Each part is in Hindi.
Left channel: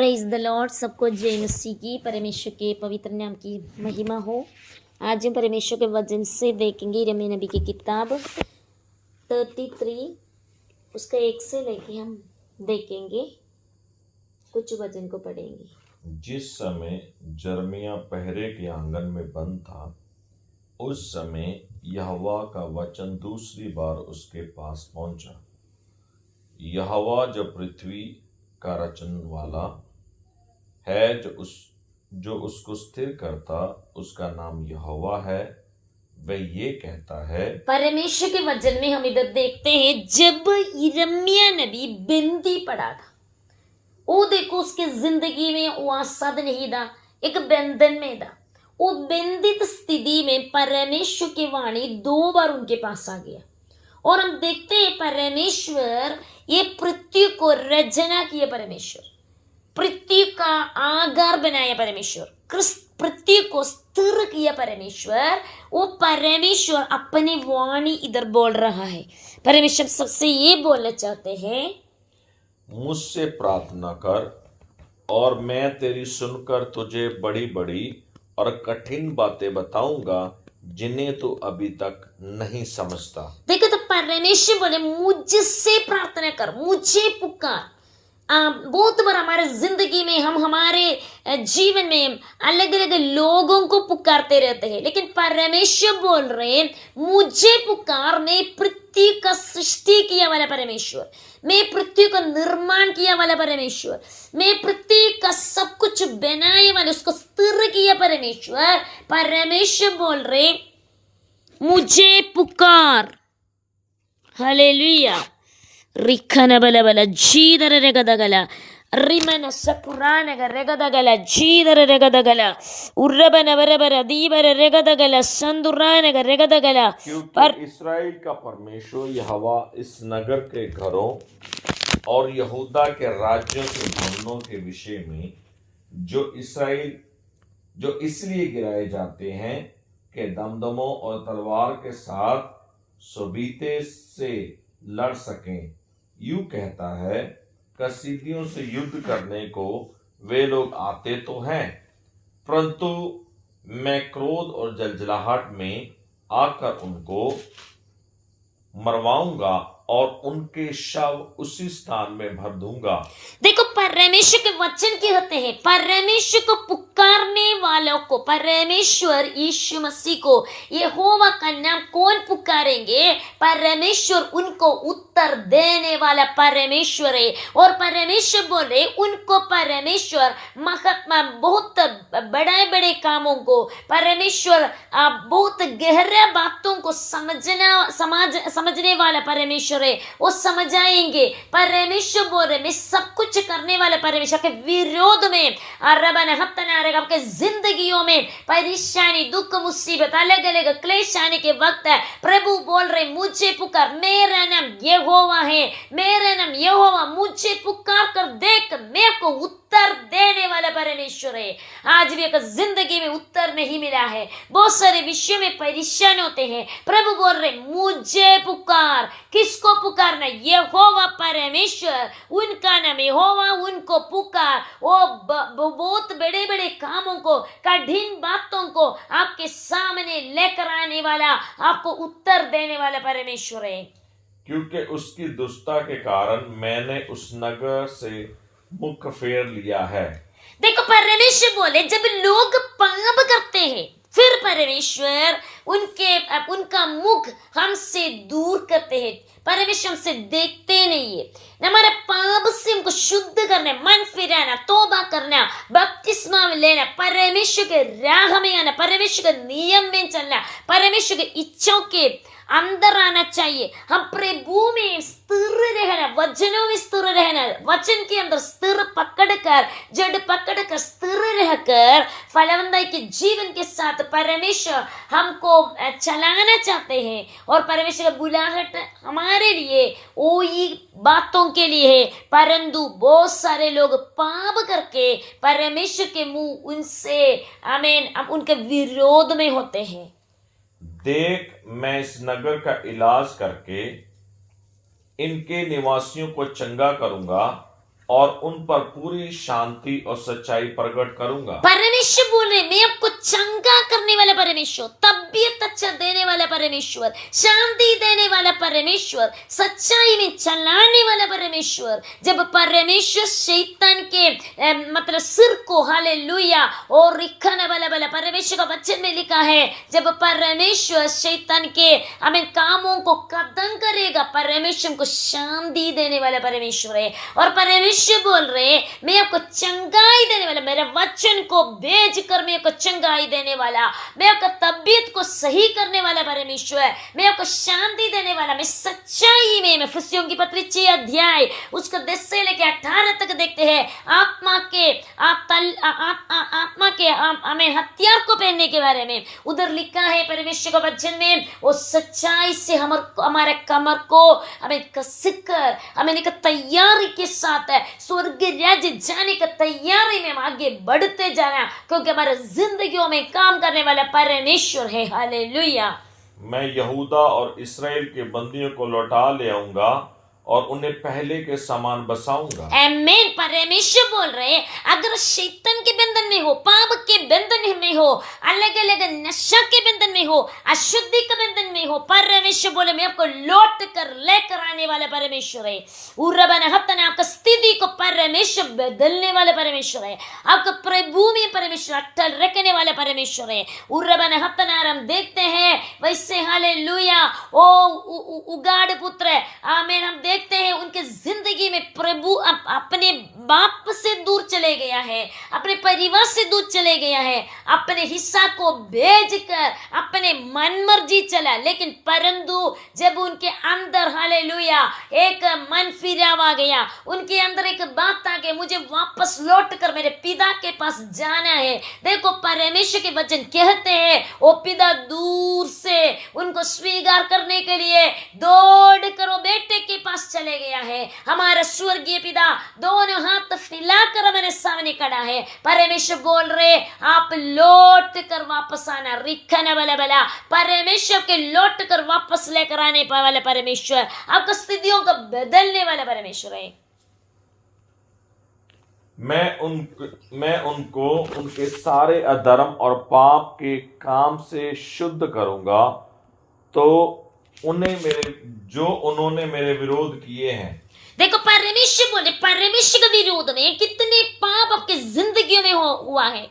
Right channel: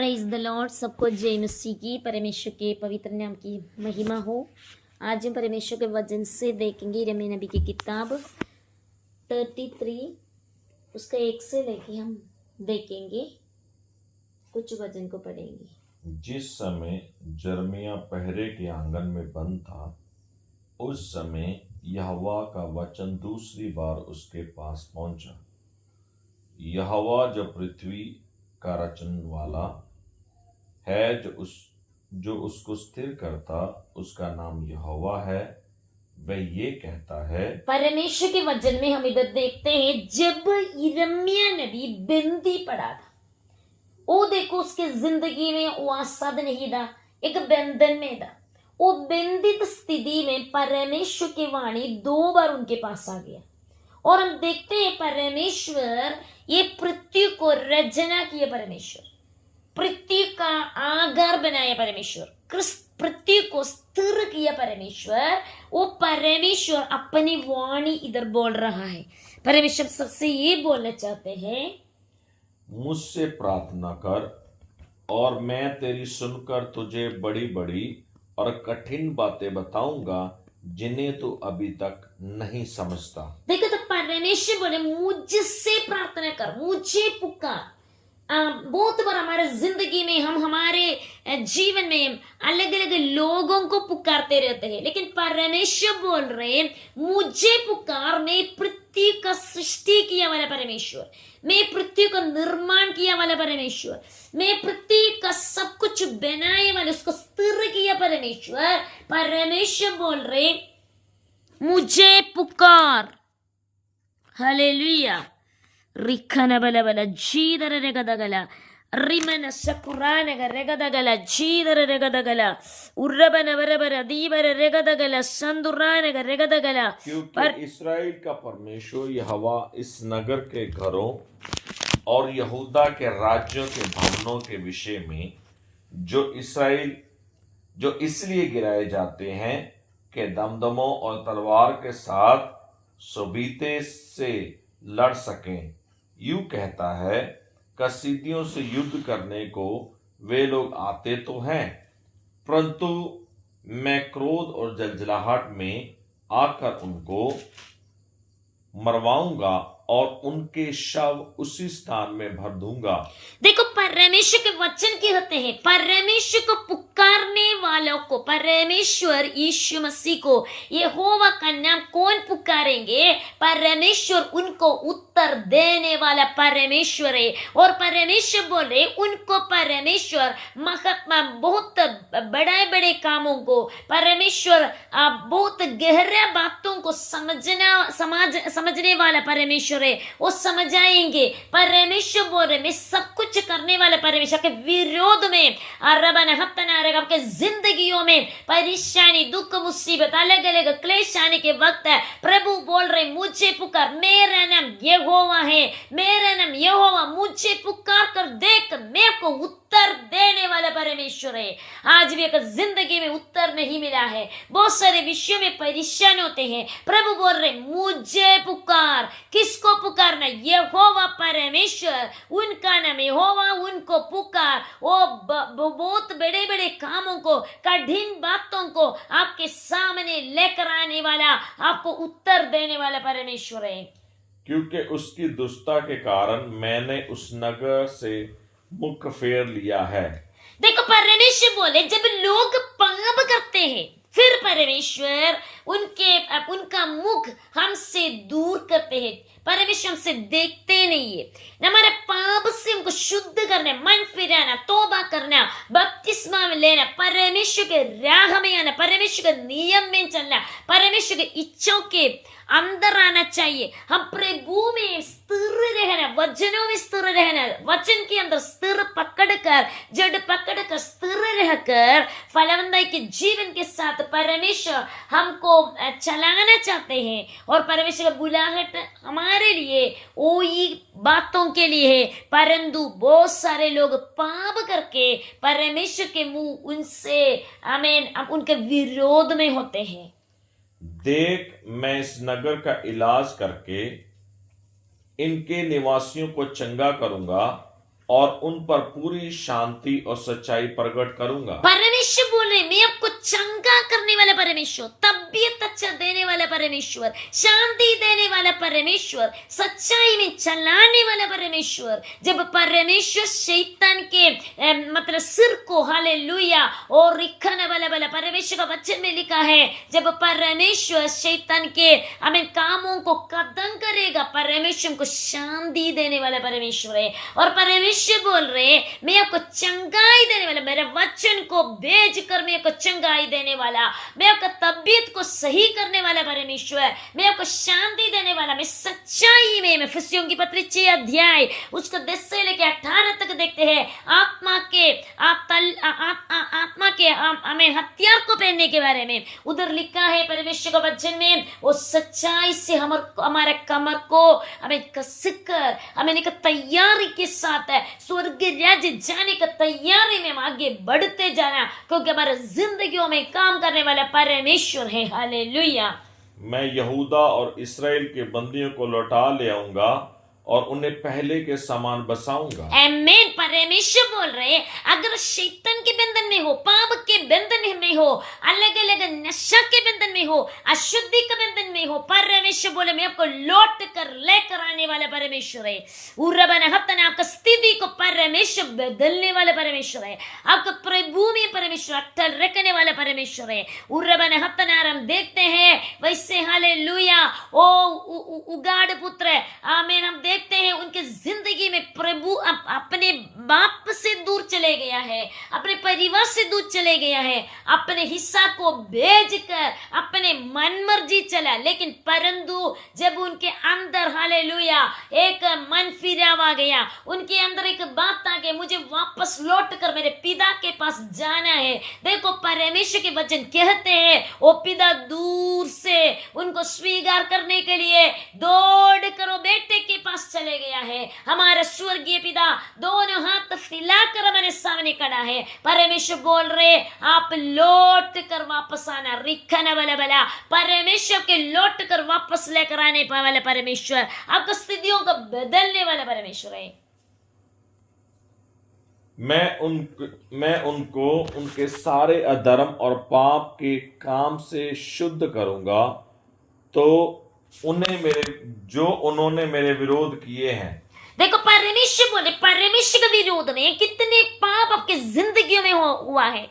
Praise the Lord. सबको जय मसीह की, परमेश्वर के पवित्र नाम की महिमा हो। आज हम परमेश्वर के वचन से देखेंगे यिर्मयाह नबी की किताब 33 उसका 1 से लेके हम देखेंगे, कुछ वचन को पढ़ेंगे। जिस समय यिर्मयाह पहरे के आंगन में बंद था, उस समय यहोवा का वचन दूसरी बार उसके पास पहुंचा। यहोवा जो पृथ्वी का रचन वाला है, जो उसको स्थिर करता, उसका नाम यहोवा है। वह ये कहता है। परमेश्वर के वचन में हम इधर देखते हैं, जब यिर्मयाह नबी बंदी पड़ा था, वो देखो उसके जिंदगी में वो आसाद नहीं था, एक बंधन में था। वो बंदित स्थिति में परमेश्वर की वाणी 2 बार उनके पास आ गया। और हम देखते हैं परमेश्वर ये पृथ्वी को रचना किया, परमेश्वर पृथ्वी का आधार बनाया, परमेश्वर पृथ्वी को स्थिर किया। परमेश्वर वो परमेश्वर अपनी वाणी इधर बोल रहा है। परमेश्वर सबसे ये बोलना चाहते हैं, मुझसे प्रार्थना कर और मैं तेरी सुनकर तुझे बड़ी बड़ी और कठिन बातें बताऊंगा, जिन्हें तू अभी तक नहीं समझता। देखो तो परमेश्वर बोले मुझसे प्रार्थना कर, मुझे पुकार। बहुत बार हमारे जिंदगी में हम हमारे जीवन में अलग अलग लोगों को पुकारते रहते हैं, लेकिन परमेश्वर बोल रहे हैं मुझे पुकार। मैं पृथ्वी का सृष्टि किया वाला परमेश्वर, मैं पृथ्वी का निर्माण किया वाला परमेश्वर, मैं पृथ्वी का सब कुछ बनाए वाले, उसको स्थिर किया परमेश्वर। परमेश्वर बोल रहे मुझे पुकार। हालेलुया। रिखन बला बला जीदर रेगदगला रिमन सकुरानग रेगदगला जीदर रेगदगला उर्रबन बरबर दीबर रेगदगला संदुरानग रेगदगला। क्योंकि इस्राएल का परमेश्वर यहोवा इस नगर के घरों और यहूदा के राज्यों के भवनों के विषय में जो इसलिए गिराए जाते हैं कि दमदमों और तलवार के साथ सोबीते से लड़ सकें, यूं कहता है, कसीदियों से युद्ध करने को वे लोग आते तो हैं, परंतु मैं क्रोध और जलजलाहट में आकर उनको मरवाऊंगा और उनके शव उसी स्थान में भर दूंगा। देखो परमेश्वर के वचन क्या होते हैं, परमेश्वर को पुकारने वालों को, परमेश्वर यीशु मसीह को, यहोवा का नाम कौन पुकारेंगे? परमेश्वर उनको उत्तर देने वाला परमेश्वर है। और परमेश्वर बोले उनको परमेश्वर महात्मा बहुत बड़े बड़े कामों को, परमेश्वर बहुत गहरा बातों को समझने वाला परमेश्वर है, वो समझाएंगे। परमेश्वर बोल रहे मैं सब कुछ करने वाले परमेश्वर के विरोध में आपके जिंदगियों में परेशानी, दुख, मुसीबत, अलग अलग क्लेश आने के वक्त है, प्रभु बोल रहे मुझे पुकार। मेरा नाम यहोवा है, मेरा नाम यहोवा, मुझे पुकार कर देख, मेरे को उत्तर देने वाला परमेश्वर है। आज भी एक जिंदगी में उत्तर नहीं मिला है, बहुत सारे विषयों में परेशान होते हैं, प्रभु बोल रहे मुझे पुकार। किसको पुकारना? यहोवा परमेश्वर, उनका नाम यहोवा, उनको पुकार। वो बहुत बड़े बड़े कामों को, कठिन बातों को आपके सामने लेकर आने वाला, आपको उत्तर देने वाला परमेश्वर है। क्योंकि उसकी दुष्टता के कारण मैंने उस नगर से मुख फेर लिया है। देखो परमेश्वर बोले जब लोग पाप करते हैं, फिर परमेश्वर उनका मुख हमसे दूर करते हैं। परमेश्वर हमसे देखते नहीं है। हमारे पाप से हमको शुद्ध करना, मन फिराना, तौबा करना, बपतिस्मा लेना, परमेश्वर के राह में आना, परमेश्वर के नियम में चलना, परमेश्वर के इच्छाओं के अंदर आना चाहिए। हम प्रभु में स्थिर रहना, वचनों में स्थिर रहना, वचन के अंदर स्थिर पकड़कर, जड़ पकड़कर, स्थिर रहकर फलवंताई के जीवन के साथ परमेश्वर हमको चलाना चाहते हैं। और परमेश्वर का बुलाहट हमारे लिए वही बातों के लिए है, परंतु बहुत सारे लोग पाप करके परमेश्वर के मुंह उनसे आमीन उनके विरोध में होते हैं। देख, मैं इस नगर का इलाज करके इनके निवासियों को चंगा करूंगा और उन पर पूरी शांति और सच्चाई प्रकट करूंगा। परमेश्वर बोल रहे मैं आपको चंगा करने वाला परमेश्वर, तबीयत अच्छा देने वाला परमेश्वर, शांति देने वाला परमेश्वर, सच्चाई में चलाने वाला परमेश्वर। जब परमेश्वर शैतान के मतलब सिर को हालेलुया और रिखाने वाला वाला परमेश्वर का वचन में लिखा है, जब परमेश्वर शैतान के हमें कामों को खत्म करेगा, परमेश्वर को शांति देने वाला परमेश्वर है। और परमेश्वर बोल रहे मैं आपको चंगाई देने वाला, मेरे वचन को भेज कर मैं आपको चंगाई देने वाला, मैं आपका तबीयत को सही करने वाला परमेश्वर, मैं आपको शांति देने वाला, मैं सच्चाई में। मैं फिलिस्तियों की पत्री 6 अध्याय उसको 10 से लेकर 18 तक देखते हैं। आत्मा के हमें हथियार को पहनने के बारे में उधर लिखा है परमेश्वर का वचन में। वो सच्चाई से हमारे कमर को हमें कसकर हमें एक तैयारी के साथ स्वर्ग राज्य जाने का तैयारी में हम आगे बढ़ते जाना, क्योंकि हमारे जिंदगियों में काम करने वाला परमेश्वर है। हालेलुया। मैं यहूदा और इस्राएल के बंदियों को लौटा ले आऊंगा और उन्हें पहले के समान बसाऊंगा। आमीन। परमेश्वर बोल रहे अगर शैतान के बंधन में हो, पाप के बंधन में हो, अलग अलग नशा के बंधन में हो, अशुद्धि के बंधन में हो, परमेश्वर बोले मैं आपको लौट कर लेकर आने वाला परमेश्वर है। आपका स्थिति को परमेश्वर बदलने वाला परमेश्वर है। आपका प्रभु में परमेश्वर अटल रखने वाला परमेश्वर है। हम देखते हैं वैसे हालेलुया ओ उगाड़ पुत्र, आमीन, हम देखते हैं उनके जिंदगी में प्रभु अपने बाप से दूर चले गया है, अपने परिवार से दूर चले गया है, अपने हिस्सा को भेजकर अपने मन मर्जी चला। लेकिन परंतु जब उनके अंदर हालेलुया एक मन फिरावा गया, उनके अंदर एक बात आ गई, मुझे वापस लौट कर मेरे पिता के पास जाना है। देखो परमेश्वर के वचन कहते हैं वो पिता दूर से उनको स्वीकार करने के लिए दौड़ कर बेटे के पास चले गया है। हमारा स्वर्गीय पिता दोनों हाथ फैलाकर हमारे सामने खड़ा है। परमेश्वर बोल रहे आप लौट कर वापस आना, रिखना वाला बला परमेश्वर के लौट कर वापस लेकर आने वाला परमेश्वर, आपको स्थितियों को बदलने वाला परमेश्वर है। मैं उनको उनके सारे अधर्म और पाप के काम से शुद्ध करूंगा, तो उन्होंने मेरे विरोध किए हैं। देखो परमेश्वर बोले परमेश्वर के विरोध में कितने पाप आपके जिंदगियों में हुआ है,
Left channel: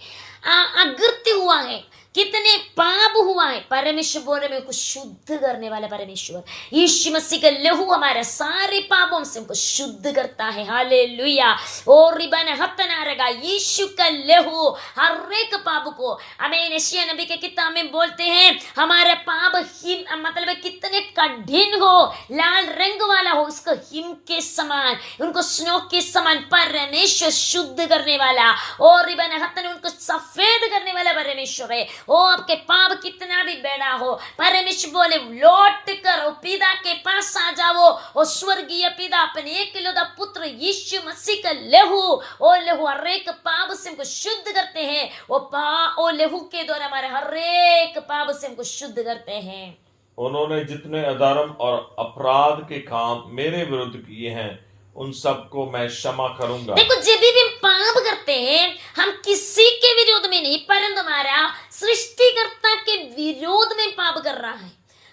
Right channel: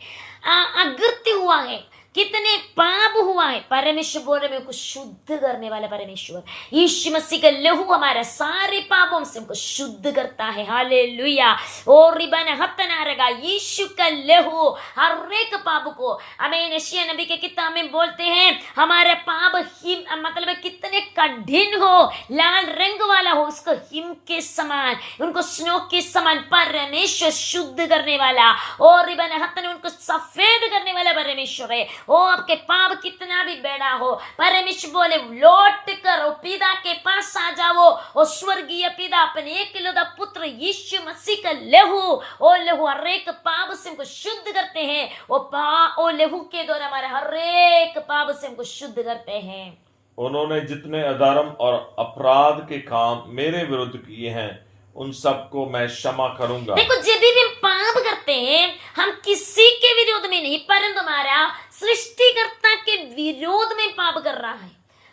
अगृत्य हुआ है, कितने पाप हुआ है। परमेश्वर बोल रहे मैं को शुद्ध करने वाला परमेश्वर, यीशु मसीह का लहू हमारे सारे पापों से हमको शुद्ध करता है। हालेलुया। और रिबन हतना रहेगा यीशु का लहू हर एक पाप को, हमें यशायाह नबी के किताब में बोलते हैं हमारे पाप हिम मतलब कितने कठिन हो, लाल रंग वाला हो, उसको हिम के समान, उनको स्नो के समान परमेश्वर शुद्ध करने वाला, और रिबन हतना उनको सफेद करने वाला परमेश्वर है। ओ आपके पाप कितना भी बड़ा हो, परमेश्वर बोले लौट कर पिता के पास आ जाओ। और स्वर्गीय पिता अपने एकलौता पुत्र यीशु मसीह का लहू, ओ लहू हर एक पाप से हमको शुद्ध करते हैं। ओ लहू के द्वारा हमारे हर एक पाप से हमको शुद्ध करते हैं। उन्होंने जितने अधर्म और अपराध के काम मेरे विरुद्ध किए हैं उन सबको मैं क्षमा करूंगा। देखो जब भी हम पाप करते हैं हम किसी के विरोध में नहीं, परंतु हमारा सृष्टिकर्ता के विरोध में पाप कर रहा है।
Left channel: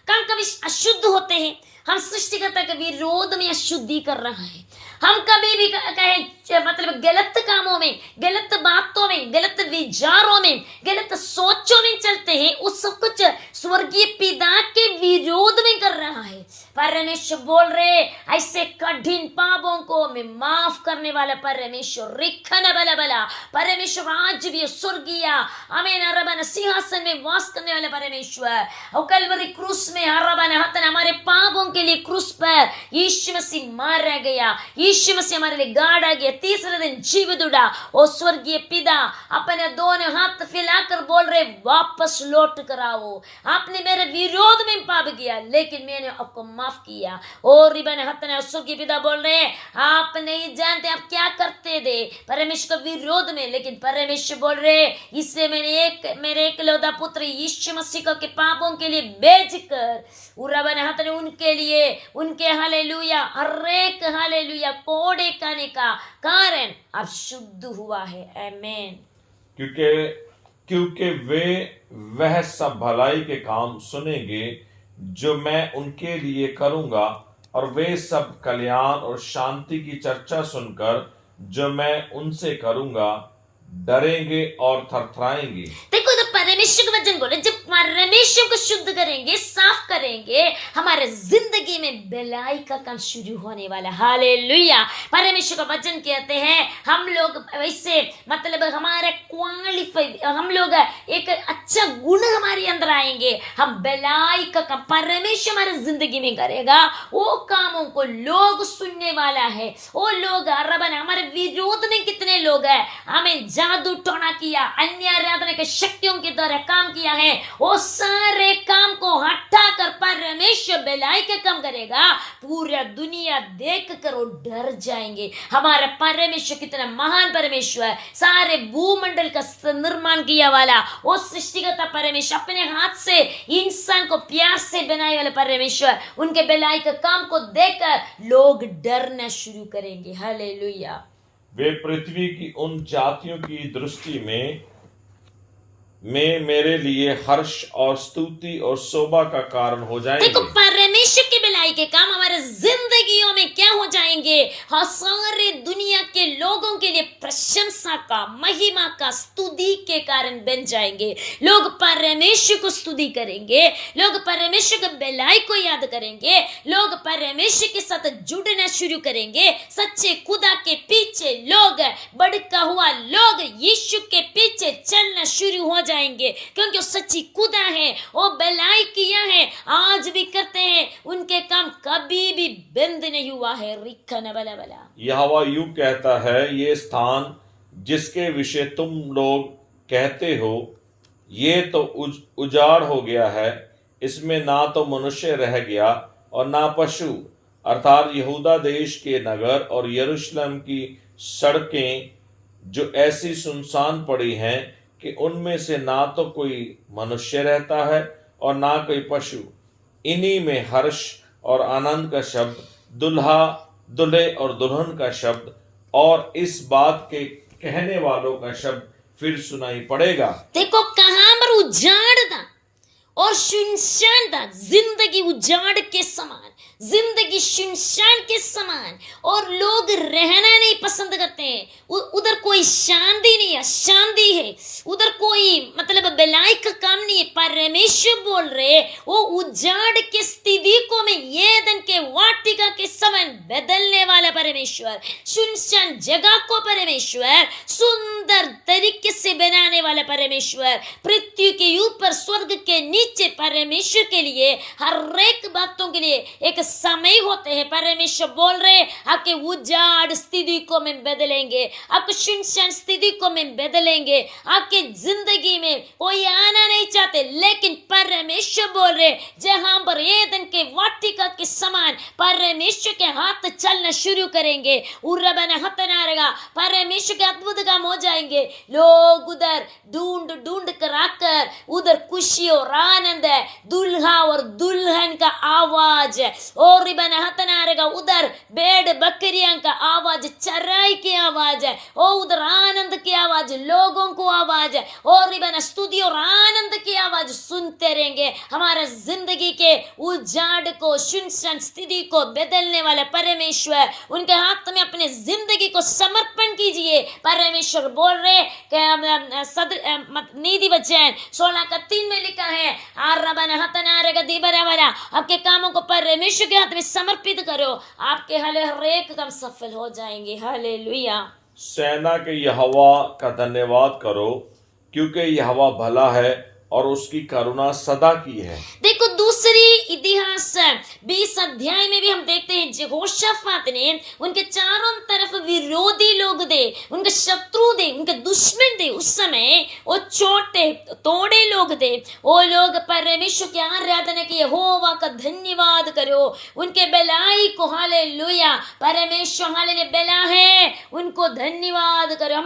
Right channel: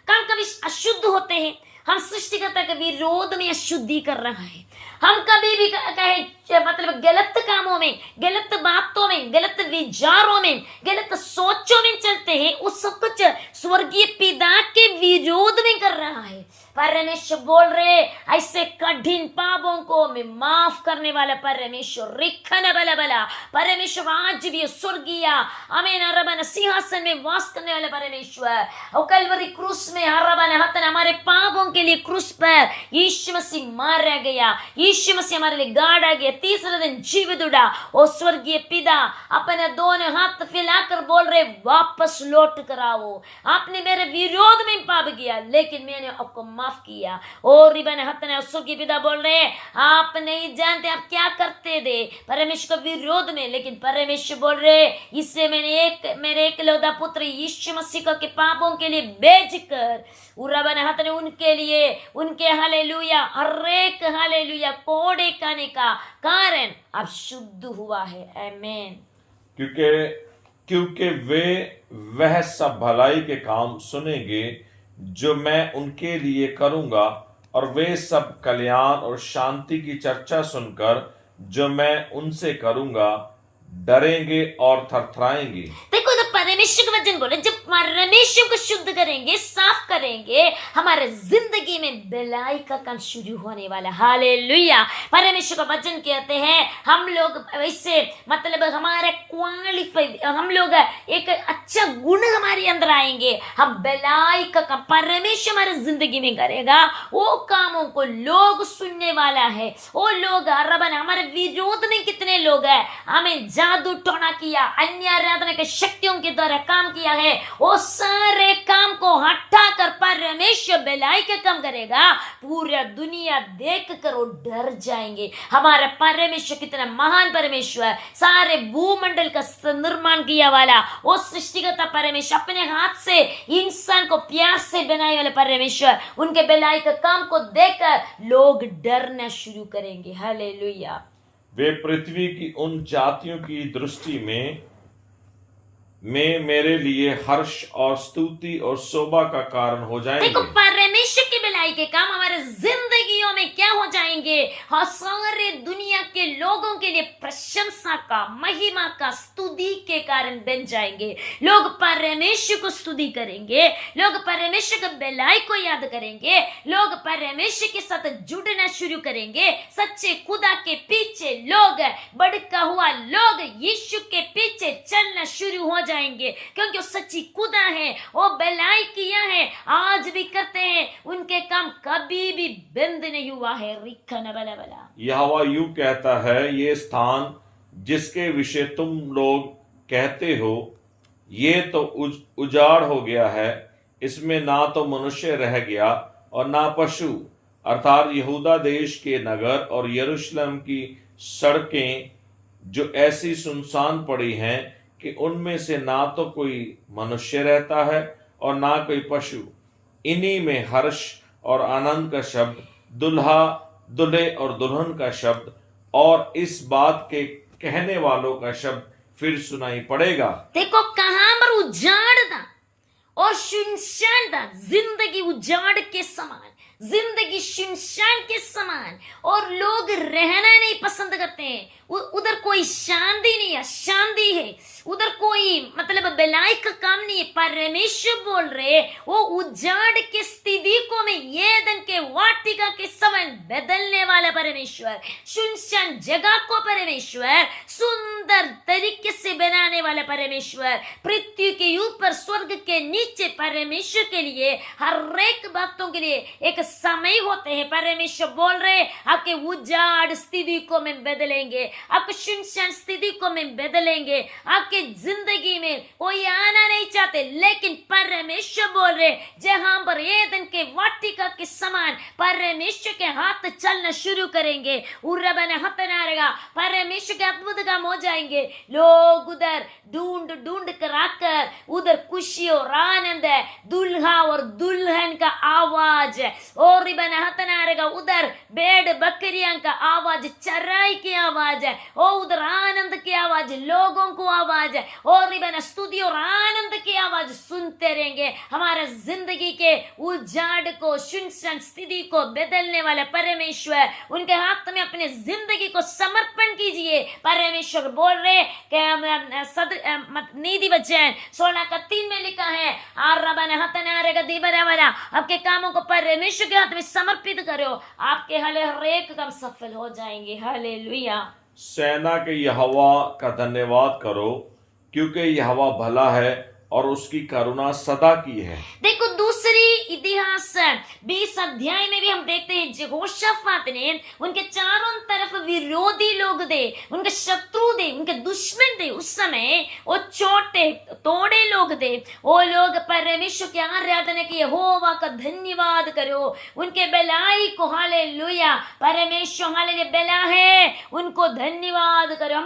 कभी अशुद्ध होते हैं, हम सृष्टिकर्ता के विरोध में अशुद्धि कर रहा है। हम कभी भी कहे मतलब गलत कामों में, गलत बातों में, गलत विचारों में, गलत सोचों में चलते हैं, उस सब कुछ स्वर्गीय पिता के विरोध में कर रहा है। परमेश्वर बोल रहे ऐसे कठिन पापों को मैं माफ करने वाला परमेश्वर, रिखना बला बला परमेश्वर आज भी स्वर्गीय आमीन रबन सिंहासन में वास करने वाला परमेश्वर, और कलवरी क्रूस में रबन हतन हमारे पापों के लिए क्रूस पर यीशु मसीह मारा गया, यीशु मसीह हमारे लिए गाड़ा गया, तीसरे दिन जीवित उड़ा। और स्वर्गीय पिता अपने दोनों हाथ फैलाकर बोल रहे वापस लौट कर आओ, आपने मेरे विरोध में पाप किया लेकिन मैंने आपको माफ किया। और रिबन हतन स्वर्गीय पिता बोल रहे आप नहीं जानते आप क्या करते थे परमेश्वर के विरोध में, लेकिन परमेश्वर बोल रहे इससे मेरे एकलौता पुत्र यीशु मसीह के पापों के लिए भेजकर उन्के लिए उनके हालेलुया हर एक हालेलुया कोड़े खाने का कारण अब शुद्ध हुआ है। आमेन। क्योंकि वे वह सब भलाई के काम सुनेंगे जो मैं उनके लिए करूंगा, और वे सब कल्याण और शांति की चर्चा सुनकर जो मैं उनसे करूंगा डरेंगे और थरथराएंगे। देखो तो परमेश्वर का वचन बोले, जब परमेश्वर को शुद्ध करेंगे, साफ करेंगे, हमारे जिंदगी में भलाई का काम शुरू होने वाला। हालेलुया। परमेश्वर का वचन कहते हैं हम लोग वैसे मतलब हमारे क्वालिफाइड, हम लोग एक अच्छा गुण हमारे अंदर आएंगे, हम भलाई का काम परमेश्वर हमारे जिंदगी में करेगा। वो कामों को लोग सुनने वाला है। वो लोग हमारे विरोध में कितने लोग हैं, हमें जादू टोना किया, अन्य आराधना के शक्तियों के द्वारा काम किया है, वो सारे काम को हटा कर परमेश्वर भलाई का काम करेगा। पूरा दुनिया देख कर वो डर जाएंगे, हमारा परमेश्वर कितना महान परमेश्वर, सारे भूमंडल का निर्माण किया वाला वो सृष्टिकर्ता परमेश्वर, अपने हाथ से इंसान को प्यार से बनाए वाले परमेश्वर, उनके भलाई का काम को देखकर लोग डरना शुरू करेंगे। हालेलुया। वे पृथ्वी की उन जातियों की दृष्टि में मेरे लिए हर्ष और स्तुति और शोभा का कारण हो जाएंगे। देखो परमेश्वर की भलाई के काम हमारे जिंदगियों में क्या हो जाएंगे, सारे दुनिया के लोगों के लिए प्रशंसा का, महिमा का, स्तुति के कारण बन जाएंगे। लोग परमेश्वर को स्तुति करेंगे, लोग परमेश्वर की भलाई को याद करेंगे, लोग परमेश्वर के साथ जुड़ना शुरू करेंगे। सच्चे खुदा के पीछे लोग, बढ़ता हुआ लोग यीशु के पीछे चलना शुरू हो जाएंगे, क्योंकि वो सच्ची खुदा है, वो भलाई किया है, आज भी करते हैं, उनके काम कभी भी बंद नहीं हुआ है। रिखना बला बला। यहोवा यूं कहता है, ये स्थान जिसके विषय तुम लोग कहते हो ये तो उजाड़ हो गया है, इसमें ना तो मनुष्य रह गया और ना पशु, अर्थात यहूदा देश के नगर और यरूशलेम की सड़कें जो ऐसी सुनसान पड़ी हैं कि उनमें से ना तो कोई मनुष्य रहता है और ना कोई पशु। इन्हीं में हर्ष और आनंद का शब्द, दुल्हा दुल्हे और दुल्हन का शब्द और इस बात के कहने वालों का शब्द फिर सुनाई पड़ेगा। देखो कहां पर उजाड़ था और सुनसान था, जिंदगी उजाड़ के समान, जिंदगी सुनसान के समान, और लोग रहना नहीं पसंद करते हैं। उधर कोई शांति नहीं है, शांति है, उधर कोई मतलब भलाई का काम नहीं है। परमेश्वर बोल रहे वो उजाड़ के स्थिति को मैं एदन के वाटिका के समान बदलने वाला परमेश्वर, सुनसान जगह को परमेश्वर सुंदर तरीके से बनाने वाला परमेश्वर, पृथ्वी के ऊपर स्वर्ग के नीचे परमेश्वर के लिए हर एक बातों के लिए एक समय होते हैं। परमेश्वर बोल रहे आपके उजाड़ स्थिति को मैं बदलेंगे, आपको सुनसान स्थिति को मैं बदलेंगे। आपके जिंदगी में कोई आना नहीं चाहते, लेकिन परमेश्वर बोल रहे जहां पर एदन के वाटिका के समान परमेश्वर के हाथ चलना शुरू करेंगे, परमेश्वर के अद्भुत काम हो जाएंगे। लोग उधर ढूंढ ढूंढ कर आकर उधर खुशी और आनंद है, दुल्हा और दुल्हन का आवाज और उधर भेड़ बकरियां का आवाज, चराई की आवाज है, और उधर आनंद की आवाज, लोगों को आवाज है, और स्तुति और आनंद की आवाज सुनते रहेंगे। हमारे जिंदगी के उजाड़ को, सुनसान स्थिति को बदलने वाले परमेश्वर, उनके हाथ में अपने जिंदगी को समर्पण कीजिए। परमेश्वर बोल रहे नीति वचन 16:3 में लिखा है, आपके कामों को परमेश्वर के हाथ में समर्पित करो, आपके हर एक काम सफल हो जाएंगे। हालेलुया। सेना के यहोवा का धन्यवाद करो, क्योंकि यहोवा भला है और उसकी करुणा सदा की है। देखो दूसरी इतिहास 20 अध्याय में भी हम देखते हैं यहोशाफात ने, उनके चारों तरफ विरोधी लोग थे, उनके शत्रु थे, उनके दुश्मन थे। उस समय वो छोटे तोड़े लोग थे, वो लोग परमेश्वर की आराधना की, यहोवा का धन्यवाद करो, उनके भलाई को। हालेलुया। परमेश्वर हालेलुया भला है, उनको धन्यवाद करो।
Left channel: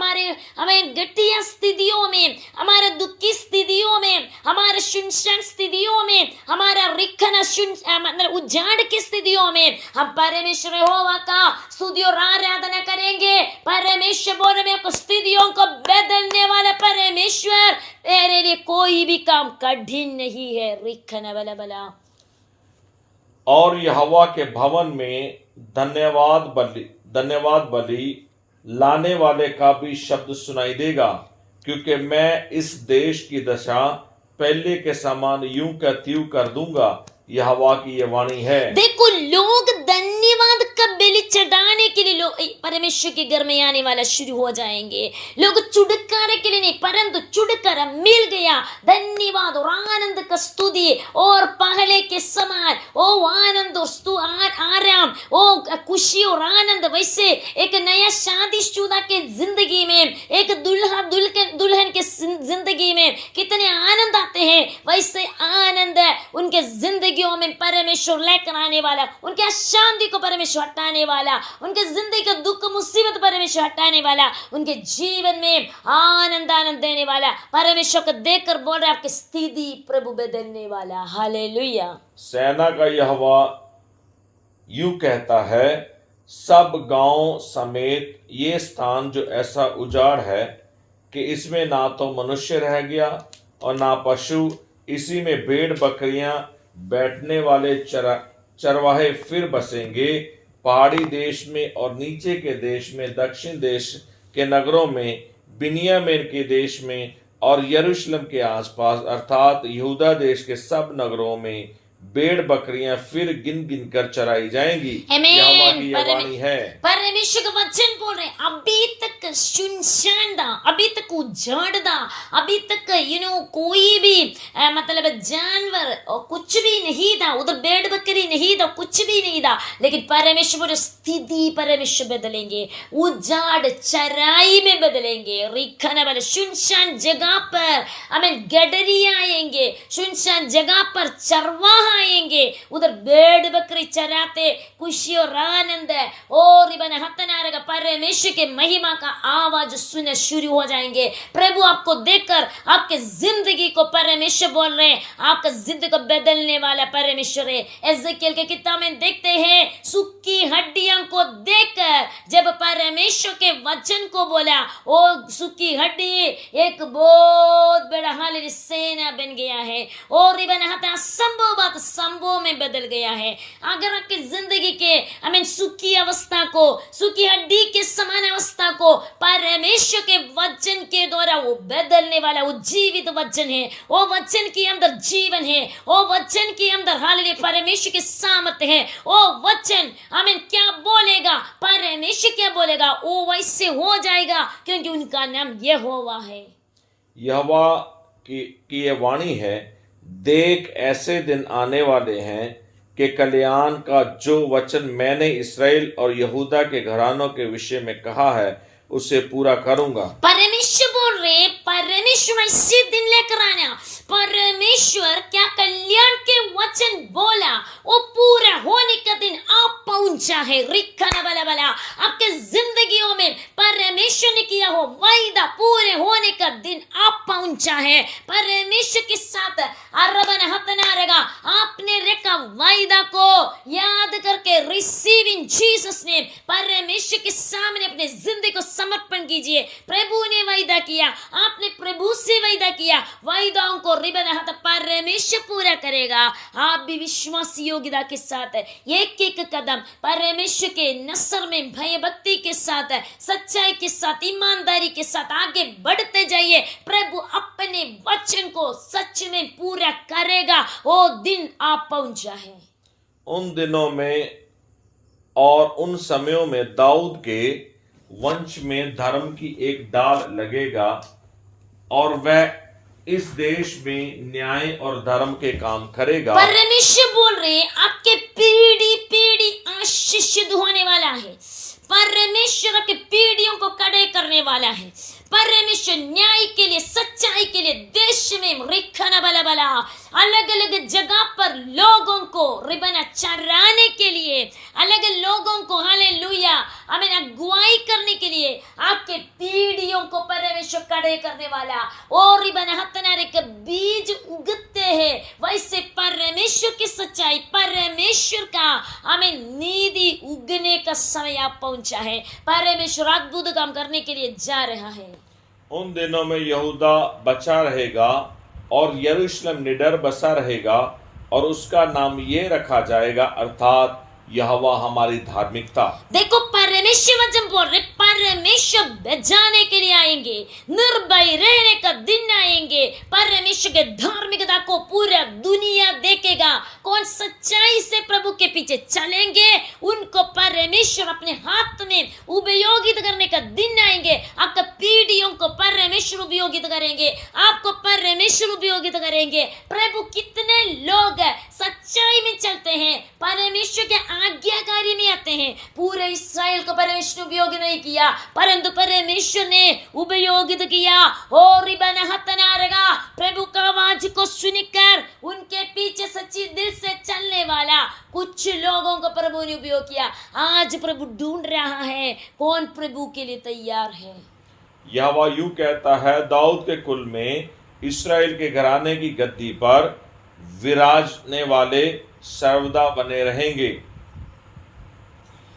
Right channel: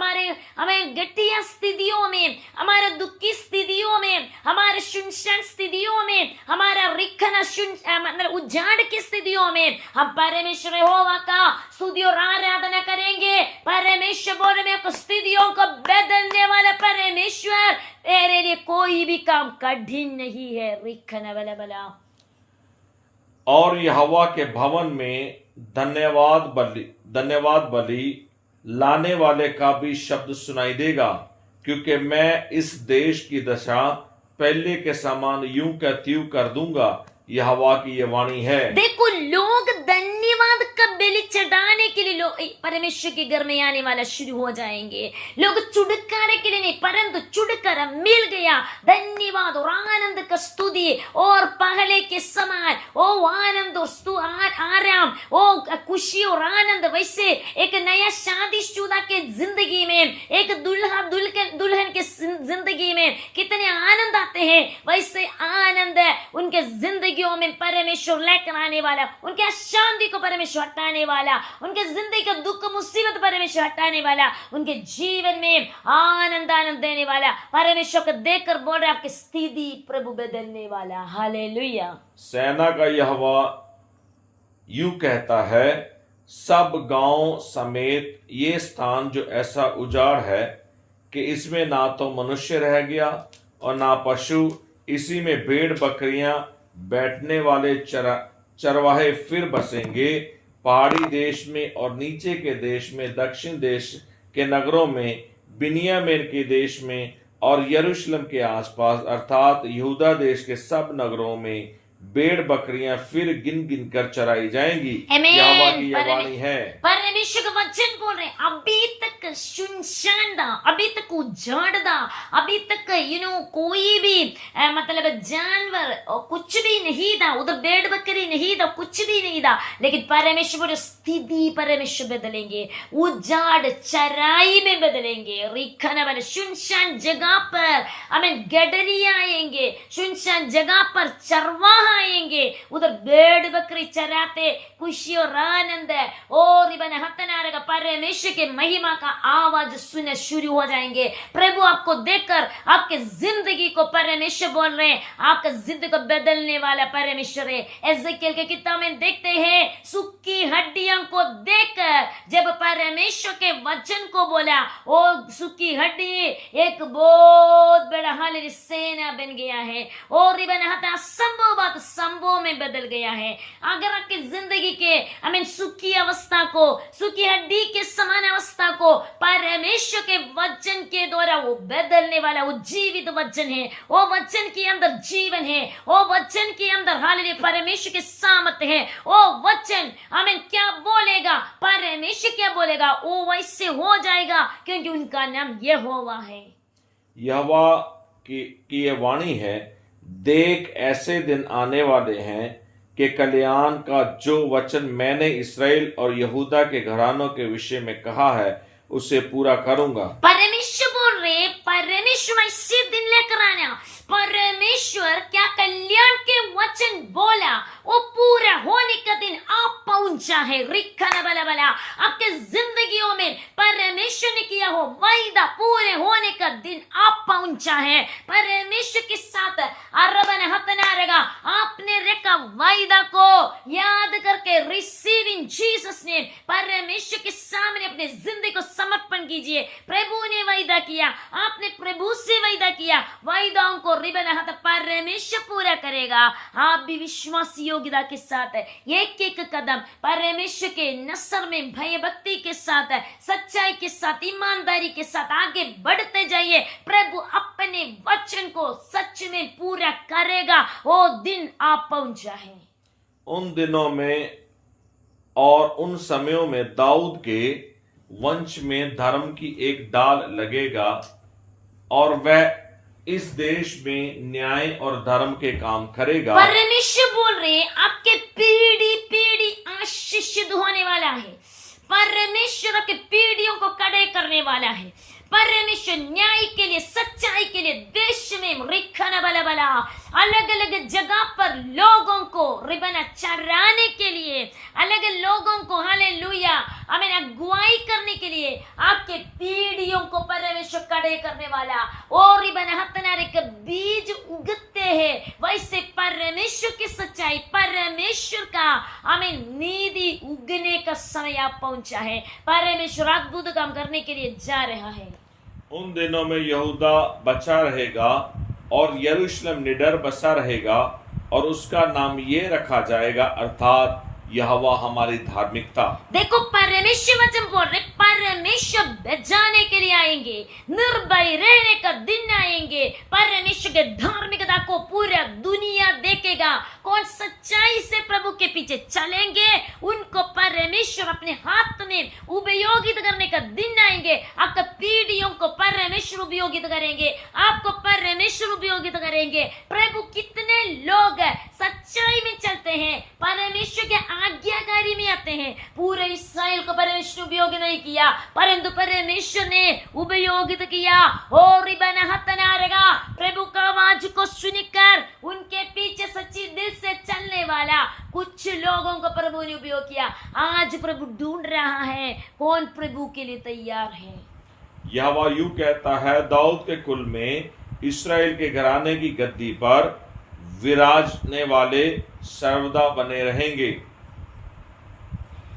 हमें घटिया स्थितियों में, हमारे दुखी स्थितियों में, हमारे सुनसान स्थितियों में, हमारा रिक्त मतलब उजाड़ की स्थितियों में हम परमेश्वर यहोवा का स्तुति और आराधना करेंगे। परमेश्वर बोल रहे हैं स्थितियों को बदलने वाला परमेश्वर, तेरे लिए कोई भी काम कठिन नहीं है। रिखना बला बला। और यहोवा के भवन में धन्यवाद बलि लाने वाले का भी शब्द सुनाई देगा, क्योंकि मैं इस देश की दशा पहले के समान यूं का त्यों कर दूंगा। यहोवा की ये वाणी है। देखो, लोग धन्यवाद का बलि चढ़ाने के लिए लोग परमेश्वर के घर में आने वाला शुरू हो जाएंगे। लोग छुटकारे के लिए नहीं, परंतु छुटकारा मिल गया, धन्यवाद और आनंद का स्तुति और पहले के समान ओ आनंद और आराम, ओ खुशी और आनंद। वैसे एक नया शादीशुदा के जिंदगी में, एक दुल्हन के जिंदगी में कितने आनंद आते हैं, वैसे आनंद उनके जिंदगियों में परमेश्वर लेकर आने वाला, उनके अशांति को परमेश्वर हटाने वाला, उनके जिंदगी का दुख मुसीबत परमेश्वर हटाने वाला, उनके जीवन में आनंद देने वाला परमेश्वर को देखकर बोल रहे आपकी स्थिति प्रभु बदलने वाला। हालेलुया। सेना का यहोवा यूं कहता है, सब गांव समेत ये स्थान जो ऐसा उजाड़ है कि इसमें ना तो मनुष्य रह गया और ना पशु, इसी में भेड़ बकरियां बैठने वाले चरवाहे फिर बसेंगे। पहाड़ी देश में और नीचे के देश में, दक्षिण देश के नगरों में, बिन्यामीन के देश में और यरूशलेम के आसपास अर्थात यहूदा देश के सब नगरों में भेड़ बकरियां फिर गिन गिन कर चराई जाएंगी। यहोवा की ये वाणी है। परमेश्वर का वचन बोल रहे, अभी तक सुनसान था, अभी तक उजाड़ था, अभी तक कोई भी मतलब जानवर कुछ भी नहीं था, उधर भेड़ बकरी नहीं था, कुछ भी नहीं था। लेकिन परमेश्वर स्थिति परमेश्वर बदलेंगे, उजाड़ चराई में बदलेंगे। रिखना वाले सुनसान जगह पर हमें गडरिया आएंगे, सुनसान जगह पर चरवाहा आएंगे, उधर भेड़ बकरी चराते खुशी और आनंद है। और इबन हतनारेगा परमेश्वर के महिमा का आवाज सुनने शुरू हो जाएंगे। प्रभु आपको देखकर आपके जिंदगी को परमेश्वर बोल रहे हैं, आपका जिंदगी को बदलने वाला परमेश्वर है। एजेकिएल के किताब में देखते हैं, सूखी हड्डियों को देखकर जब परमेश्वर के वचन को बोला, ओ सूखी हड्डी एक बहुत बड़ा हालेलुया सेना बन गया है। और इबन हता संभव बात संभव में बदल गया है। अगर आपकी जिंदगी के सुखी अवस्था को, सुखी हड्डी के समान अवस्था को परमेश्वर के वचन के द्वारा वो बदलने वाला, वो जीवित वचन है, वो वचन के अंदर जीवन है, वो वचन के अंदर हालेलुया परमेश्वर की सामर्थ है। वो वचन क्या बोलेगा, परमेश्वर क्या बोलेगा, वो वैसे हो जाएगा, क्योंकि उनका नाम यहोवा है। यहोवा की ये वाणी है, देख ऐसे दिन आने वाले हैं कि कल्याण का जो वचन मैंने इस्राएल और यहूदा के घरानों के विषय में कहा है उसे पूरा करूंगा। परमेश्वर बोल रहे, परमेश्वर ऐसे दिन लेकर आना, परमेश्वर क्या कल्याण के वचन बोला वो पूरा होने का दिन आप पहुंचा है। रिखना बला बला आपके जिंदगियों में परमेश्वर ने किया हो वायदा पूरे होने का दिन आप पहुंचा है। परमेश्वर के साथ अरबन हतना रहेगा, आपने रेखा वायदा को याद करके रिसीव इन जीसस नेम, परमेश्वर के सामने अपने जिंदगी को समर्पण कीजिए। प्रभु ने वायदा किया, आपने प्रभु से वायदा किया, वायदाओं को रिबन हाथ परमेश्वर पूरा करेगा। आप भी विश्वास योग्यता के साथ एक एक कदम परमेश्वर के नसर में भय भक्ति के साथ, सच्चाई के साथ, ईमानदारी के साथ आगे बढ़ते जाइए। प्रभु अपने वचन को सच में पूरा करेगा, वो दिन आप पहुंचा है। उन दिनों में और उन समयों में दाऊद के वंश में धर्म की एक डाल लगेगा और वह इस देश में न्याय और धर्म के काम करेगा। परमेश्वर बोल रहे आपके पीढ़ी पीढ़ी आशीषित होने वाला है। परमेश्वर आपके पीढ़ियों को कड़े करने वाला है। परमेश्वर न्याय के लिए, सच्चाई के लिए देश में रिखना बला बला अलग अलग जगह पर लोगों को रिबना चराने के लिए, अलग लोगों को हालेलुया अगुवाई करने के लिए आपके पीढ़ियों को परमेश्वर कड़े करने वाला और रिबना हतनारे के बीज उगते उगते हैं, वैसे परमेश्वर की सच्चाई, परमेश्वर का हमें नीति उगने का समय आप पहुंचा है। परमेश्वर अद्भुत काम करने के लिए जा रहा है। उन दिनों में यहूदा बचा रहेगा और यरूशलेम निडर बसा रहेगा और उसका नाम ये रखा जाएगा, अर्थात यहोवा हमारी धार्मिकता। देखो परमेश्वर वचन बोल रहे, परमेश्वर बचाने के लिए आएंगे, निर्भय रहने का दिन आएंगे। परमेश्वर के धार्मिकता को पूरा दुनिया देखेगा। कौन सच्चाई से प्रभु के पीछे चलेंगे, उनको परमेश्वर अपने हाथ में उपयोगित करने का दिन आएंगे। आपका पीढ़ियों को परमेश्वर उपयोगित करेंगे, आपको परमेश्वर उपयोगित करेंगे। प्रभु कितने लोग सच्चाई में चलते हैं, परमेश्वर के आज्ञाकारी में आते हैं। पूरे इस्राएल को परमेश्वर उपयोग नहीं किया, परंतु परमेश्वर ने उपयोगित किया। और प्रभु का आवाज को सुनकर उनके पीछे सच्ची दिल से चलने वाला कुछ लोगों को प्रभु ने उपयोग किया। आज प्रभु ढूंढ रहा है कौन प्रभु के लिए तैयार है। यहोवा यूं कहता है, दाऊद के कुल में इस्राएल के घराने की गद्दी पर विराजने वाले सर्वदा बने रहेंगे।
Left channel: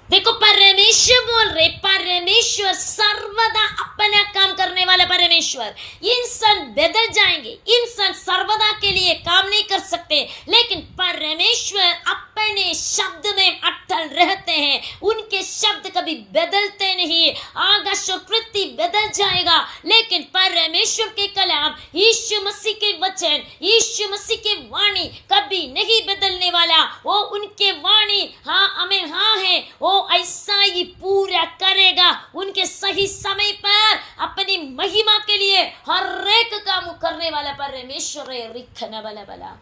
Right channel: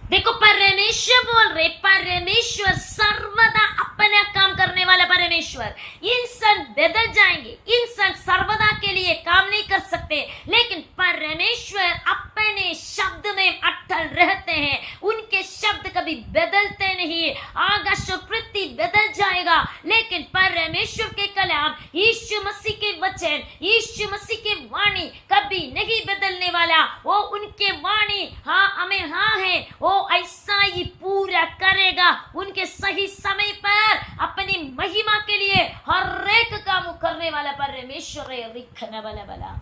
देखो परमेश्वर बोल रहे, परमेश्वर सर्वदा अपना काम करने वाला परमेश्वर। इंसान बदल जाएंगे, इंसान सर्वदा के लिए काम नहीं कर सकते, लेकिन परमेश्वर अपने शब्द में अटल रहते हैं। उनके शब्द कभी बदलते नहीं। आकाश और पृथ्वी बदल जाएगा, लेकिन परमेश्वर के कलाम, यीशु मसीह के वचन, यीशु मसीह की वाणी कभी नहीं बदलने वाला। वो उनके वाणी हाँ हमें हाँ है, वो ऐसा ही पूरा करेगा। उनके सही समय पर अपनी महिमा के लिए हर एक काम करने वाला परमेश्वर है। रिखने वाला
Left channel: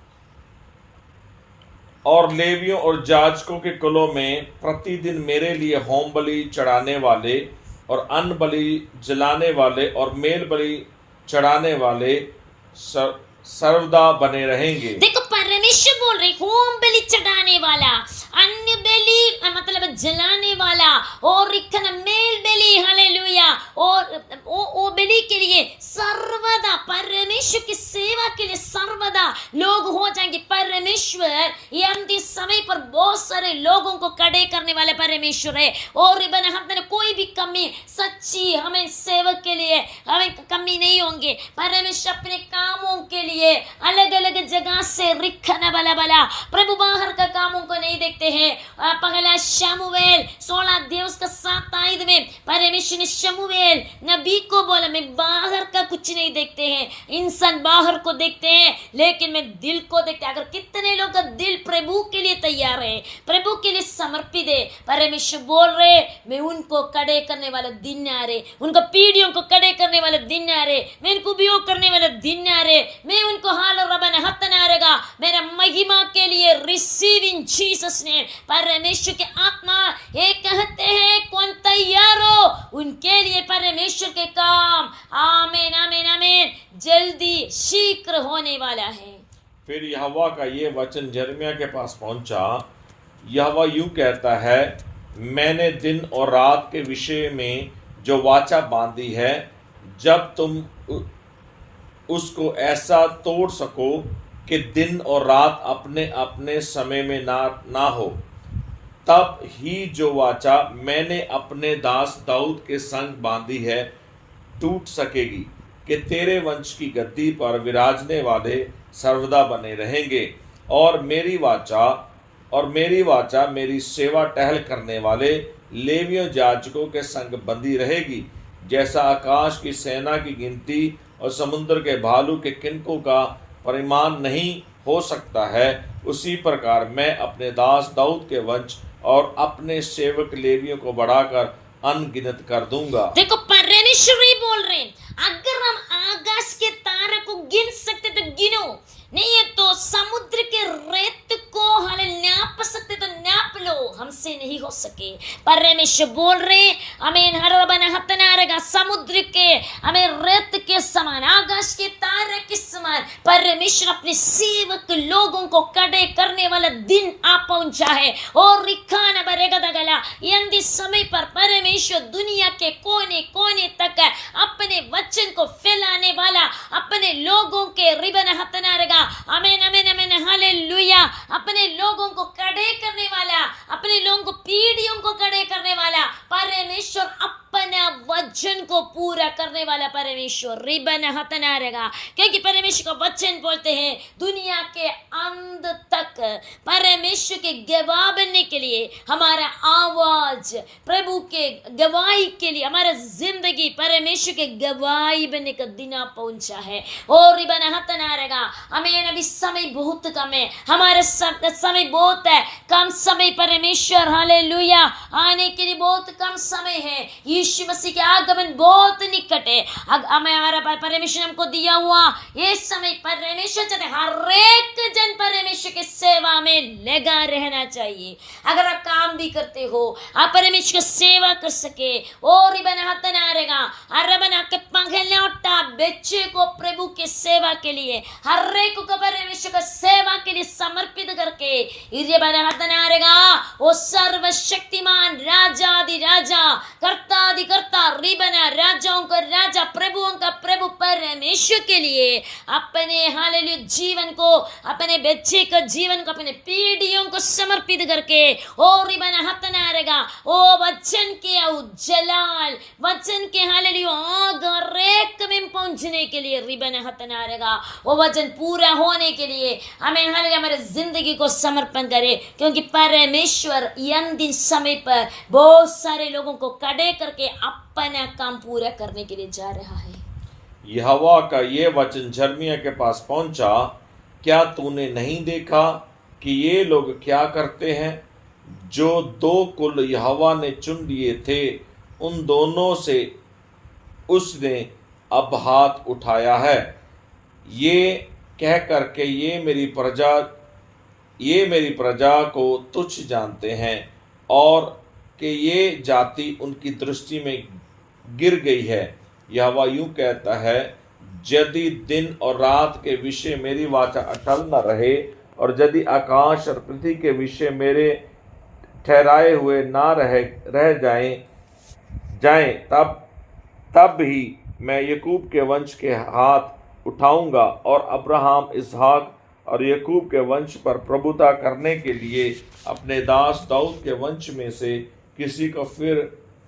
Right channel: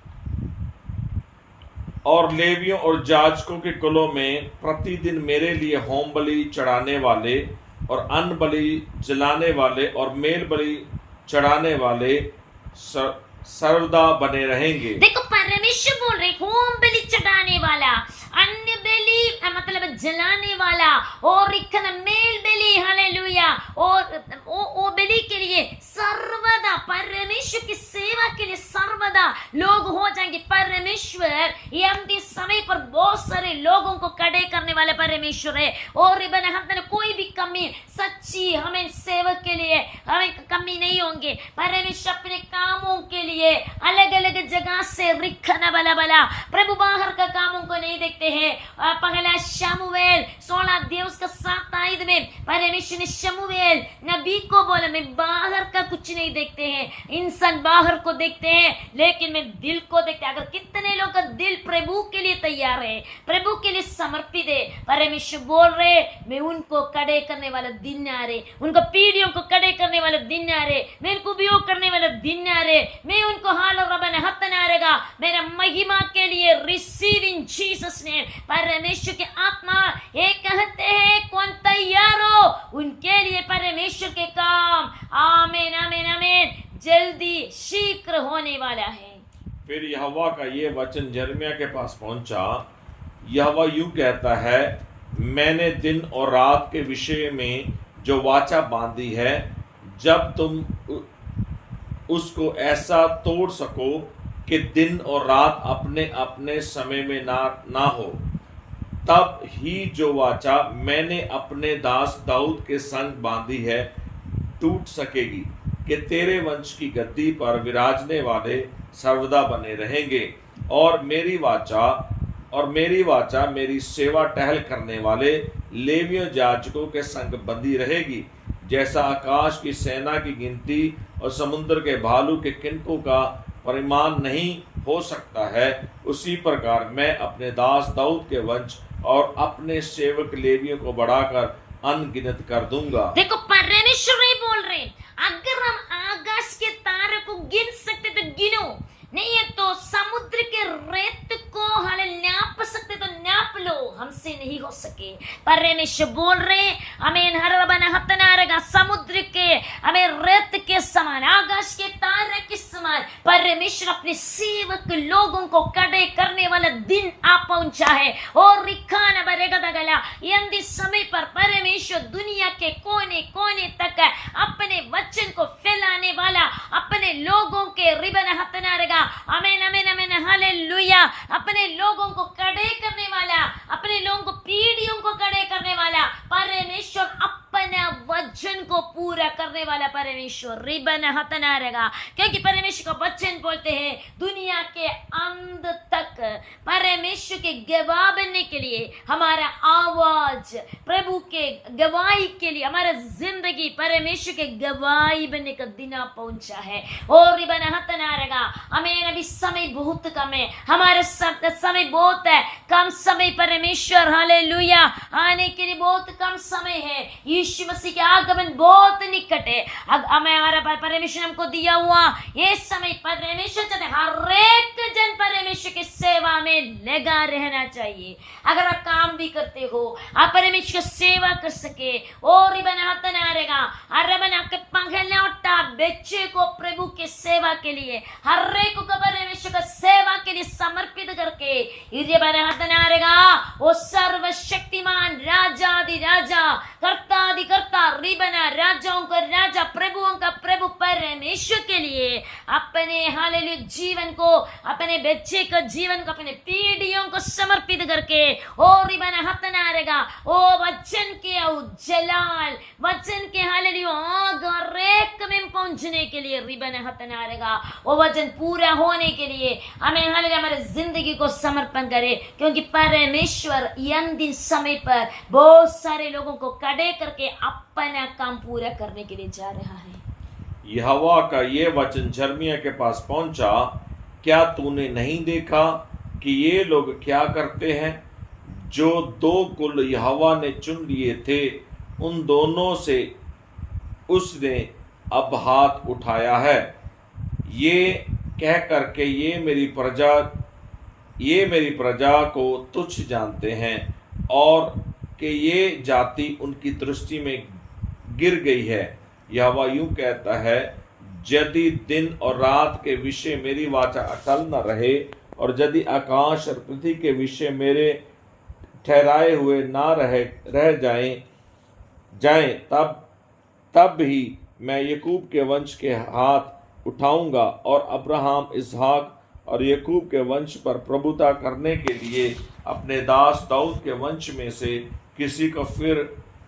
और लेवियों और याजकों के कुलों में प्रतिदिन मेरे लिए होम बलि चढ़ाने वाले और अन्न बलि जलाने वाले और मेल बलि चढ़ाने वाले सर्वदा बने रहेंगे। देखो परमेश्वर बोल रहे, होम बलि चढ़ाने वाला, अन्न बलि मतलब जलाने वाला और मेल बलि, हालेलुया, और वो बलि के लिए सर्वदा परमेश्वर की सेवा के लिए सर्वदा लोग हो जाएंगे। परमेश्वर ये अंतिम समय पर बहुत सारे लोगों को खड़े करने वाले परमेश्वर है। और हमने कोई भी कमी, सच्ची हमें सेवक के लिए हमें कमी नहीं होंगे। परमेश्वर अपने कामों के लिए अलग अलग जगह से रिखना बला प्रभु बाहर का कामों को नहीं देखते हैं। पहला शमूएल 16 अध्याय उसका 7 आयत में परमेश्वर ने शमूएल नबी को बोला, मैं बाहर का कुछ नहीं देखते हैं। इंसान बाहर को देखते हैं, लेकिन मैं दिल को देखते हैं। अगर कितने लोग का दिल प्रभु के लिए तैयार है, प्रभु के लिए समर्पित है, परमेश्वर बोल रहे मैं उनको खड़े करने वाला दिन आ रहे, उनको पीढ़ियों को खड़े करने वाला दिन आ रहे, मैं उनको उपयोग करने वाला दिन आ रहे, मैं उनको हाल और रबन हतन आ रहेगा मेरा महिमा के लिए। Receive in Jesus name. परमेश्वर के आत्मा ये कहते हैं कौन तैयार हो, उनके लिए परमेश्वर के काम आमीन आमीन आमीन जल्दी शीघ्र होने वाला है। फिर यहोवा का ये वचन यिर्मयाह के पास पहुंचा। यहोवा यूं कहता है, मैंने दिन और रात के विषय में जो वाचा बांधी है, जब तुम उसको ऐसा तोड़ सको कि दिन और रात अपने अपने समय में ना हो, तब ही जो वाचा मैंने अपने दास दाऊद के संग बांधी है टूट सकेगी कि तेरे वंश की गद्दी पर विराजने वाले सर्वदा बने रहेंगे। और मेरी वाचा मेरी सेवा टहल करने वाले लेवियों याजकों के संग बंधी रहेगी। जैसा आकाश की सेना की गिनती और समुद्र के भालू के किनकों का परिमाण नहीं हो सकता है, उसी प्रकार मैं अपने दास दाऊद के वंश और अपने सेवक लेवियों को बढ़ाकर अनगिनत कर दूंगा। देखो परमेश्वर ही बोल रहे, अगर हम आकाश के तारे को गिन सकते तो गिनो, नहीं है तो समुद्र के रेत को नाप सकते तो नाप लो, हमसे नहीं हो सके। परमेश्वर बोल रहे हमें हर बना हतना रहेगा, समुद्र के हमें रेत के समान, आकाश के तारे के समान परमेश्वर अपने सेवक लोगों को खड़े करने वाला दिन आ पहुंचा है। और रिखाना बरेगा दगला यंदी समय पर परमेश्वर दुनिया के कोने कोने तक अपने वचन को फैलाने वाला, अपने अपने लोगों के रिबन हतनारेगा, आमीन आमीन आमीन हालेलुया, अपने लोगों को खड़े करने वाला, अपने लोगों को पीढ़ियों को खड़े करने वाला परमेश्वर, अपना वचन को पूरा करने वाला परमेश्वर रिबन हतनारेगा। क्योंकि परमेश्वर का वचन बोलते हैं दुनिया के अंत तक परमेश्वर के गवाह बनने के लिए, हमारा आवाज प्रभु के गवाही के लिए, हमारा जिंदगी परमेश्वर के गवाही बनने का दिन पहुंचा है। और रिबन हतनारेगा, हमें अभी समय बहुत कम है, हमारा समय बहुत है कम समय परमेश्वर हालेलुया आने के लिए बहुत कम समय है। यीशु मसीह के आगमन बहुत निकट है। हमें हमारा परमेश्वर हमको दिया हुआ ये समय परमेश्वर चाहते हर एक जन परमेश्वर की सेवा में लगा रहना चाहिए। अगर आप काम भी करते हो, आप परमेश्वर की सेवा कर सके और रिबन हतनारेगा, अरे बना के पंखले उठा बच्चे को प्रभु की सेवा के लिए, हर एक को परमेश्वर की सेवा के लिए समर्पित करके रिबन हतनारेगा, वो सर्वशक्तिमान राजादि राजा कर्ता कर्ता रिबन राजाओं का राजा प्रभुओं का प्रभु परमेश्वर के लिए अपने हालेलुया जीवन को, अपने बच्चे का जीवन को, अपने पीढ़ियों को समर्पित करके ओ रिबन हतनारेगा, ओ वचन के जलाल, वचन के हालेलुया आग रेक में पहुंचने के लिए रिबन हतनारेगा, वो वचन पूरा होने के लिए हमें हालेलुया हमारे जिंदगी को समर्पण करे। क्योंकि परमेश्वर अंतिम समय पर बहुत सारे लोगों को खड़े करके अपना काम पूरा करने के लिए जा रहा है। यहोवा का ये वचन यिर्मयाह के पास पहुंचा, क्या तूने नहीं देखा कि ये लोग क्या करते हैं? जो दो कुल यहोवा ने चुन लिए थे उन दोनों से उसने अब हाथ उठाया है, ये कह करके ये मेरी प्रजा को तुच्छ जानते हैं और कि ये जाति उनकी दृष्टि में गिर गई है। यहोवा यूं कहता है, यदि दिन और रात के विषय मेरी वाचा अटल न रहे और यदि आकाश और पृथ्वी के विषय मेरे ठहराए हुए ना रह जाएं तब ही मैं याकूब के वंश के हाथ उठाऊंगा और अब्राहम, इसहाक और याकूब के वंश पर प्रभुता करने के लिए अपने दास दाऊद के वंश में से किसी को फिर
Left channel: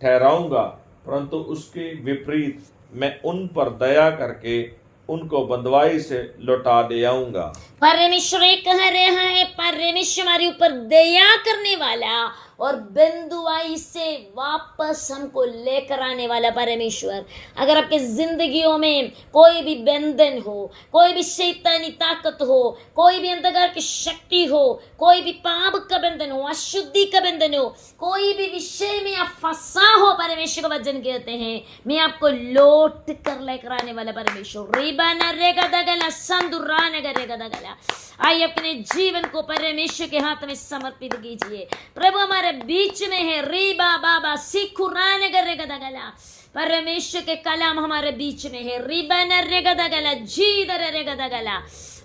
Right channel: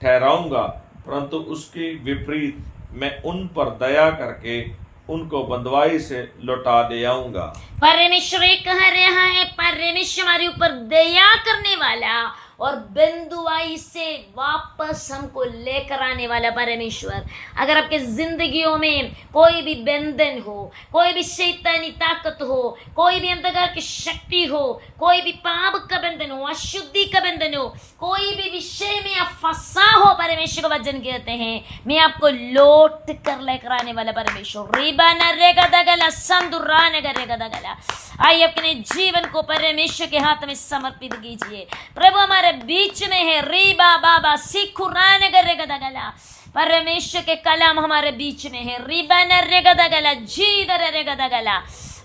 ठहराऊंगा, परंतु उसके विपरीत मैं उन पर दया करके उनको बंधुआई से लौटा दे आऊंगा। परमेश्वर कह रहा है, परमेश्वर हमारे ऊपर दया करने वाला और बंधुआई से वापस हमको लेकर आने वाला परमेश्वर। अगर आपके जिंदगियों में कोई भी बंधन हो, कोई भी शैतानी ताकत हो, कोई भी अंधकार की शक्ति हो, कोई भी पाप का बंधन हो, अशुद्धि का बंधन हो, कोई भी विषय में आप फंसा हो, परमेश्वर का वचन कहते हैं मैं आपको लौट कर लेकर आने वाला परमेश्वर। रिबाना रेगा दगला संदुराने गरेगा दगला। आइए अपने जीवन को परमेश्वर के हाथ में समर्पित कीजिए। प्रभु हमारे बीच में है, रीबा बाबा सिखुराने गरेगा दगला, परमेश्वर के कलाम हमारे बीच में है, रिबाना रेगा दगला जी दरेगा दगला।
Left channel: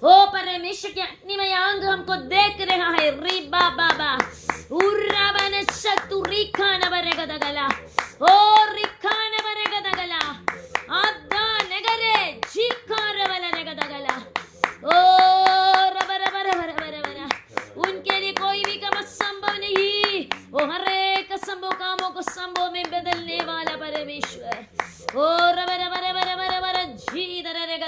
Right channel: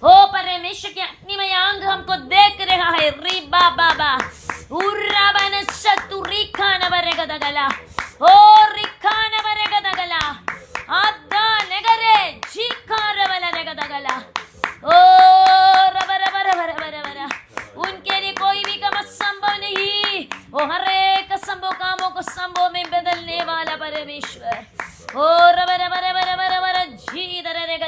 ओ परमेश्वर के अग्निमय अंग हमको देख रहा है, रीबा बाबा उर्राबन सतुरिखा न बरेगा दगला, ओ रिखा न बरेगा दगला, आदा नगरे जीखा रवला रेगा दगला। ओ उनके लिए कोई भी काम असंभव नहीं, वो हर एक असंभव कामों को संभव में बदलने वाला परमेश्वर। ओ रबर जी दरेगा,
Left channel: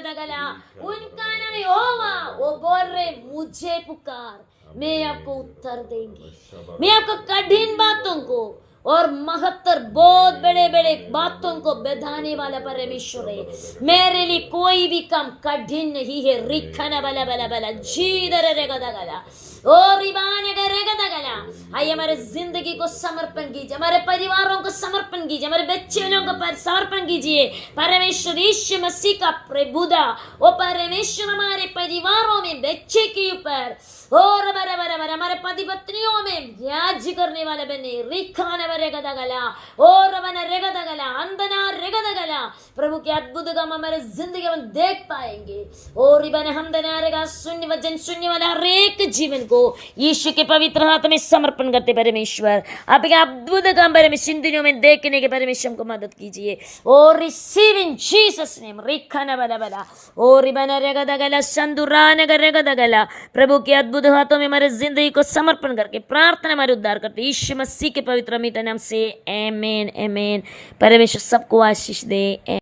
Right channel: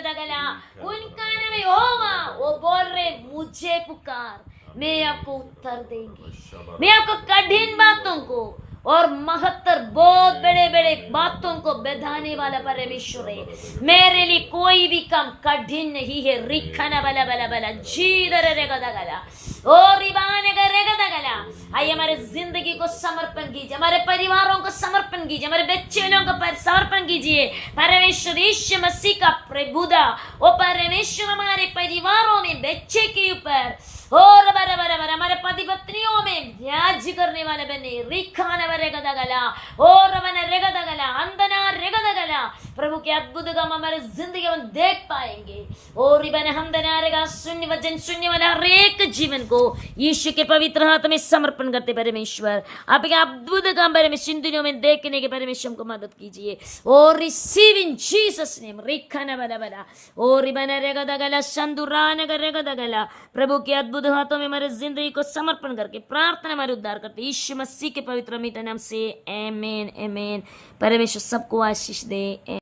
उनका नाम यहोवा, वो बोल रहे मुझे पुकार, मैं आपको उत्तर देंगे, मैं आपको कठिन बातों को और महत्तर बहुत बड़े बड़े बातों को बढ़ाने वाला परमेश्वर है। मेरे लिए कोई भी काम कठिन नहीं है। रिखना बला बला बला जी दरेगा दगला, ओ रिबाने करेगा दगला। आइए हमारे जिंदगी को समर्पण कीजिए, हमारे परिवारों को समर्पण कीजिए, हमारे बच्चे लोगों को समर्पण कीजिए। परमेश्वर यीशु मसीह का प्रभुता, वो परमेश्वर हमारे परिवारों में बच्चे के ऊपर और हमारे पति पत्नियों में व्याज करने वाले बने, रिखाना रेगदा गला और रेगदा गला अंदना रेगदा गला, प्रभु के अद्भुत काम हमारे जिंदगी में देख पाएंगे। और हमदना रेगा शून्य वचन सुनने वाला हर एक जीवन को यीशु के पवित्र हाथ में समर्पण करते परमेश्वर, आपके अद्भुत काम परमेश्वर इन दिनों में देखने के परमेश्वर को मदद कीजिए। और रिसीव इन जीसस नेम रिखाना बला बला और रेगदा गला संदुरान रेगदा गला, प्रभु के अद्भुत हाथों में हमारे जिंदगी को समर्पण करके प्रार्थना हमारे उद्धार करते यीशु मसीह के पवित्र मीठे नाम से आमीन आमीन। परमेश्वर सबको आशीष दे।